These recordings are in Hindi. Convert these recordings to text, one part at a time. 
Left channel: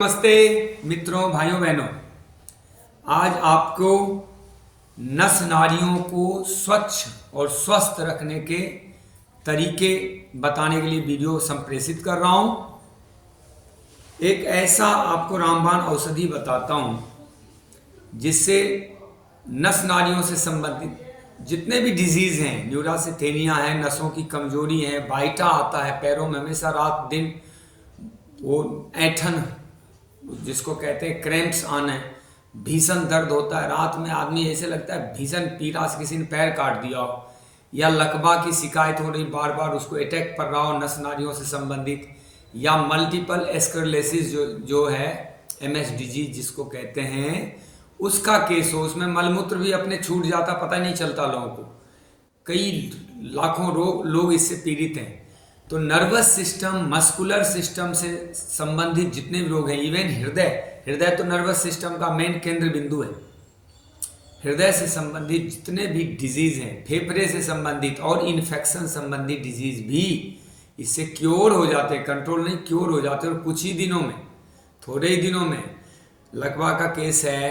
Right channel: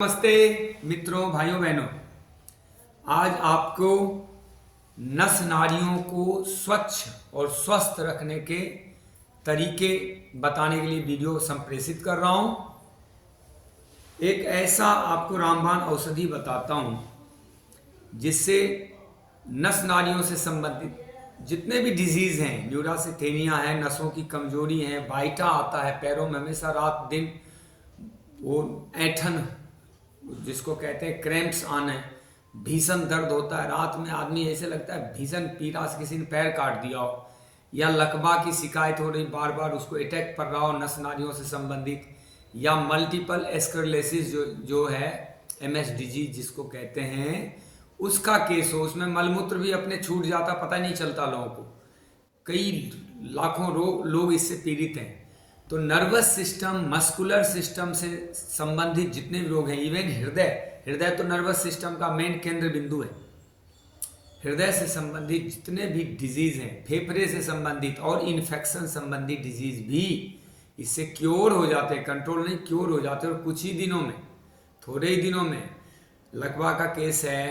नमस्ते मित्रों, भाइयों बहनों। आज आपको नस नाड़ियों को स्वच्छ और स्वस्थ रखने के तरीके बताने के लिए वीडियो संप्रेषित कर रहा हूं। एक ऐसा आपको रामबाण औषधि बताता हूं जिससे नस नाड़ियों से संबंधित जितने भी डिजीज हैं, न्यूरासिथेनिया है, नसों की कमजोरी है, बाइटा आता है पैरों में हमेशा रात दिन, वो ऐंठन जिसको कहते हैं क्रैम्प्स आना है, भीषण दर्द होता है रात में, आदमी ऐसे लगता है भीषण पीड़ा से किसी ने पैर काट दिया हो, या लकवा की शिकायत हो रही बार बार, उसको अटैक कर रहा हो नस नाड़ियों से संबंधित, या मल्टीपल स्क्लेरोसिस जो है MS डिजीज जिसको कहते हैं, उसका केस हो, उसमें मलमूत्र भी अपने छूट जाता, पता नहीं चलता लोगों को। कई लाखों लोग इससे पीड़ित हैं। तो नर्वस सिस्टम, मस्कुलर सिस्टम से संबंधित जितने भी रोग हैं, इवन हृदय तो नर्वस सिस्टम का मेन केंद्र बिंदु है। हृदय से संबंधित जितने भी डिजीज हैं, फेफड़े से संबंधित और इन्फेक्शन संबंधित डिजीज भी इससे क्योर हो जाते हैं, कंट्रोल नहीं क्योर हो जाते हैं। और कुछ ही दिनों में, थोड़े ही दिनों में, लकवा का केस है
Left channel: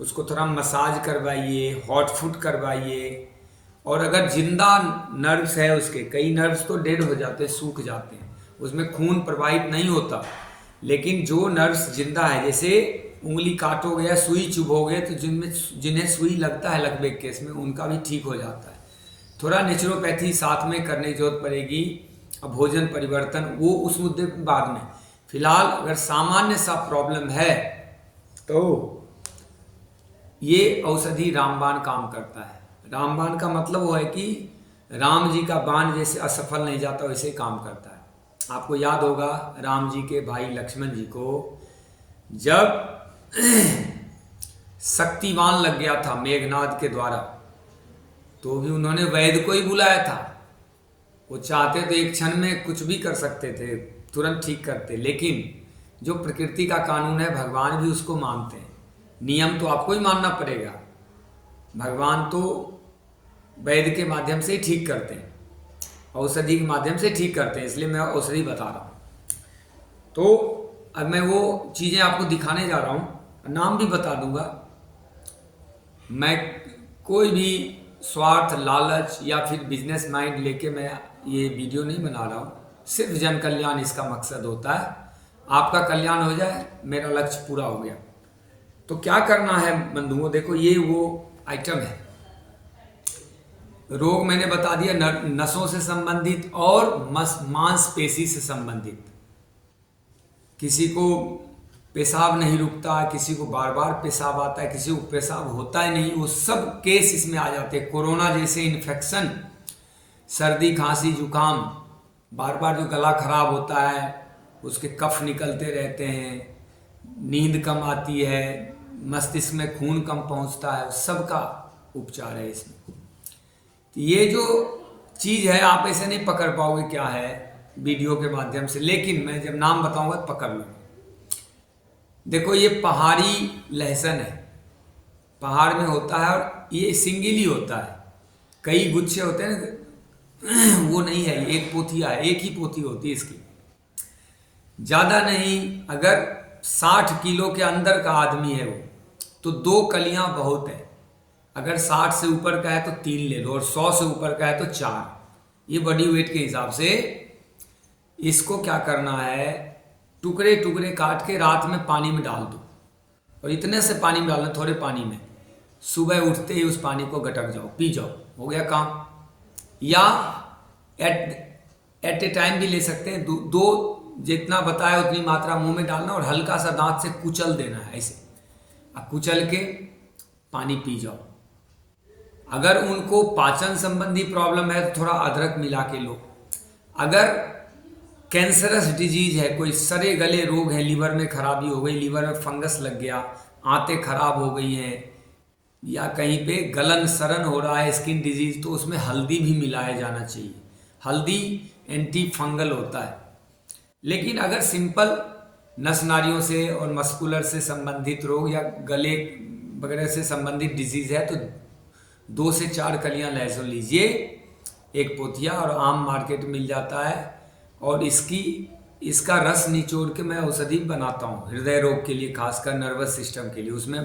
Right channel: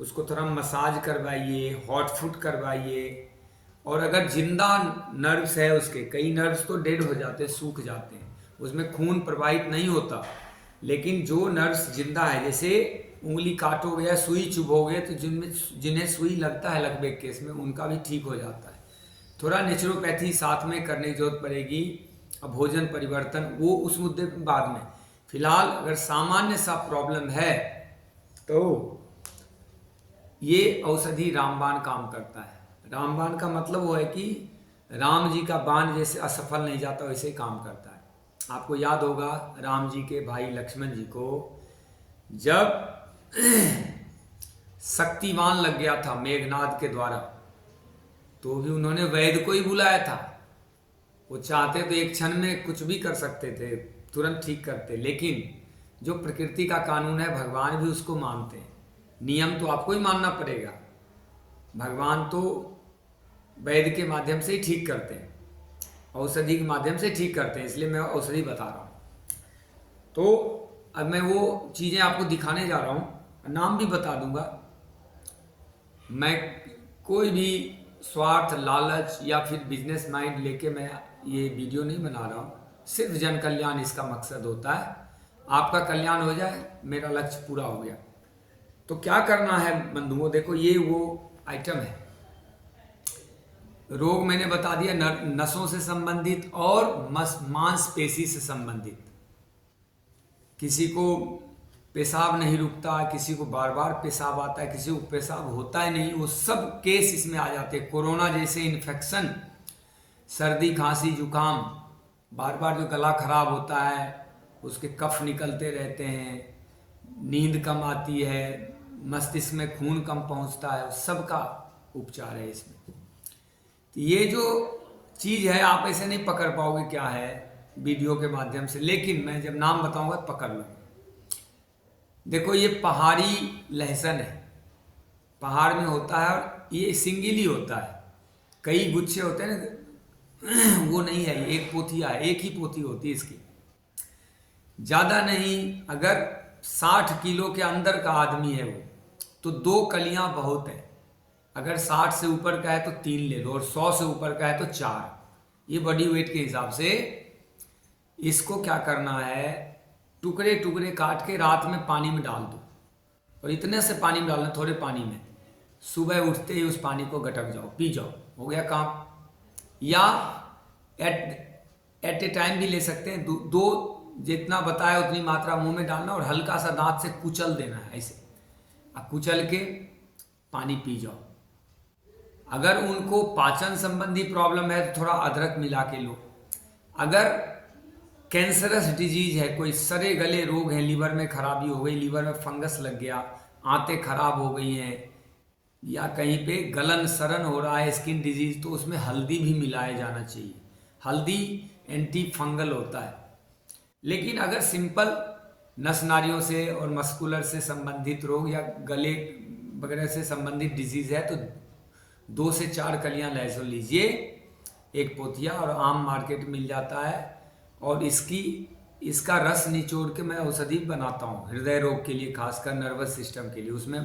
उसको थोड़ा मसाज करवाइए, हॉट फुट करवाइए। और अगर जिंदा नर्व्स है, उसके कई नर्व्स तो डेड हो जाते हैं, सूख जाते हैं, उसमें खून प्रवाहित नहीं होता, लेकिन जो नर्व्स जिंदा है, जैसे उंगली काटोगे या सुई चुभोगे तो जिन्हें सुई लगता है लकवे के केस में, उनका भी ठीक हो जाता है। थोड़ा नेचुरोपैथी साथ में करने की जरूरत पड़ेगी, भोजन परिवर्तन, वो उस मुद्दे पर बाद में। फिलहाल अगर सामान्य सा प्रॉब्लम है तो ये औषधि रामबाण काम करता है। रामबाण का मतलब वो है कि राम जी का बाण जैसे असफल नहीं जाता वैसे काम करता है। आपको याद होगा राम जी के भाई लक्ष्मण जी को जब शक्तिवान लग गया था मेघनाद के द्वारा, तो भी उन्होंने वैद्य को ही बुलाया था। वो चाहते तो एक क्षण में कुछ भी कर सकते थे, तुरंत ठीक करते, लेकिन जो प्रकृति का कानून है भगवान भी उसको मानते हैं। नियम तो आपको ही मानना पड़ेगा। भगवान तो वैद्य के माध्यम से ही ठीक करते हैं, औषधि के माध्यम से ठीक करते हैं, इसलिए मैं औषधि बता रहा हूँ। तो अब मैं वो चीज़ें आपको दिखाने जा रहा हूँ, नाम भी बता दूंगा। मैं कोई भी स्वार्थ, लालच या फिर बिजनेस माइंड लेके मैं ये वीडियो नहीं बना रहा हूँ। सिर्फ जन कल्याण इसका मकसद होता है। आपका कल्याण हो जाए, मेरा लक्ष्य पूरा हो गया। तो क्या करना है बंधुओं, देखो ये वो आइटम है। रोग मैंने बता दिया, नसों से संबंधित और मांसपेशी से संबंधित। किसी को पेशाब नहीं रुकता, किसी को बार बार पेशाब आता है, किसी को पेशाब होता ही नहीं, वो सब केस इसमें आ जाते हैं। कोरोना जैसे इन्फेक्शन, सर्दी, खांसी, जुकाम, बार बार जो गला खराब होता है, उसके कफ निकलते रहते हैं, नींद कम आती है, मस्तिष्क में खून कम पहुंचता है, सबका उपचार है इसमें। तो ये जो चीज़ है आप ऐसे नहीं पकड़ पाओगे क्या है वीडियो के माध्यम से, लेकिन मैं जब नाम बताऊंगा तो पकड़ लो। देखो ये पहाड़ी लहसुन है, पहाड़ में होता है और ये सिंगल ही होता है, कई गुच्छे होते हैं ना, वो नहीं है, एक पोथिया है, एक ही पोथी होती है इसकी, ज़्यादा नहीं। अगर 60 किलो के अंदर का आदमी है वो, तो 2 कलियां बहुत है। अगर 60 से ऊपर का है तो 3 ले लो, और 100 से ऊपर का है तो 4। ये बॉडी वेट के हिसाब से इसको क्या करना है, टुकड़े टुकड़े काट के रात में पानी में डाल दो, और इतने से पानी में डालना, थोड़े पानी में, सुबह उठते ही उस पानी को गटक जाओ, पी जाओ, हो गया काम। या एट ए टाइम भी ले सकते हैं, दो जितना बताया उतनी मात्रा मुंह में डालना, और हल्का सा दांत से कुचल देना है ऐसे, कुचल के पानी पी जाओ। अगर उनको पाचन संबंधी प्रॉब्लम है तो थोड़ा अदरक मिला के लो। अगर कैंसरस डिजीज है, कोई सड़े गले रोग है, लीवर में खराबी हो गई, लीवर में फंगस लग गया, आंतें खराब हो गई हैं, या कहीं पे गलन सड़न हो रहा है, स्किन डिजीज, तो उसमें हल्दी भी मिलाया जाना चाहिए। हल्दी एंटी फंगल होता है। लेकिन अगर सिंपल नस नाड़ियों से और मस्कुलर से संबंधित रोग या गले वगैरह से संबंधित डिजीज है तो 2 से 4 कलियां लहसुन लीजिए, एक पोथिया, और आम मार्केट में मिल जाता है। और इसकी इसका रस निचोड़ के मैं औषधि बनाता हूँ हृदय रोग के लिए, खासकर नर्वस सिस्टम के लिए। उसमें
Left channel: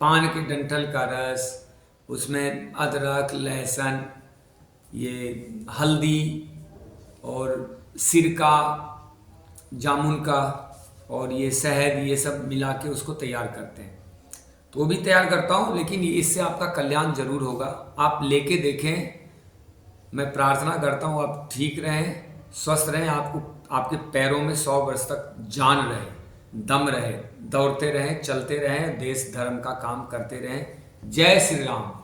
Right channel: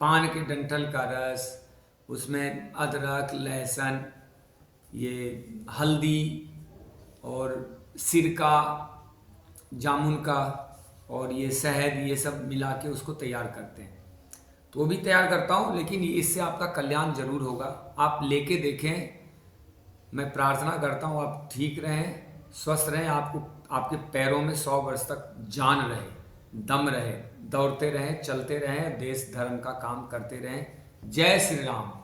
पान के डंठल का रस, उसमें अदरक, लहसुन, ये हल्दी और सिरका, जामुन का और ये शहद, ये सब मिला के उसको तैयार करते हैं। तो वो भी तैयार करता हूँ, लेकिन इससे आपका कल्याण जरूर होगा। आप लेके देखें। मैं प्रार्थना करता हूँ आप ठीक रहें, स्वस्थ रहें, आपको आपके पैरों में 100 वर्ष तक जान रहे, दम रहे, दौड़ते रहें, चलते रहें, देश धर्म का काम करते रहें। जय श्री राम।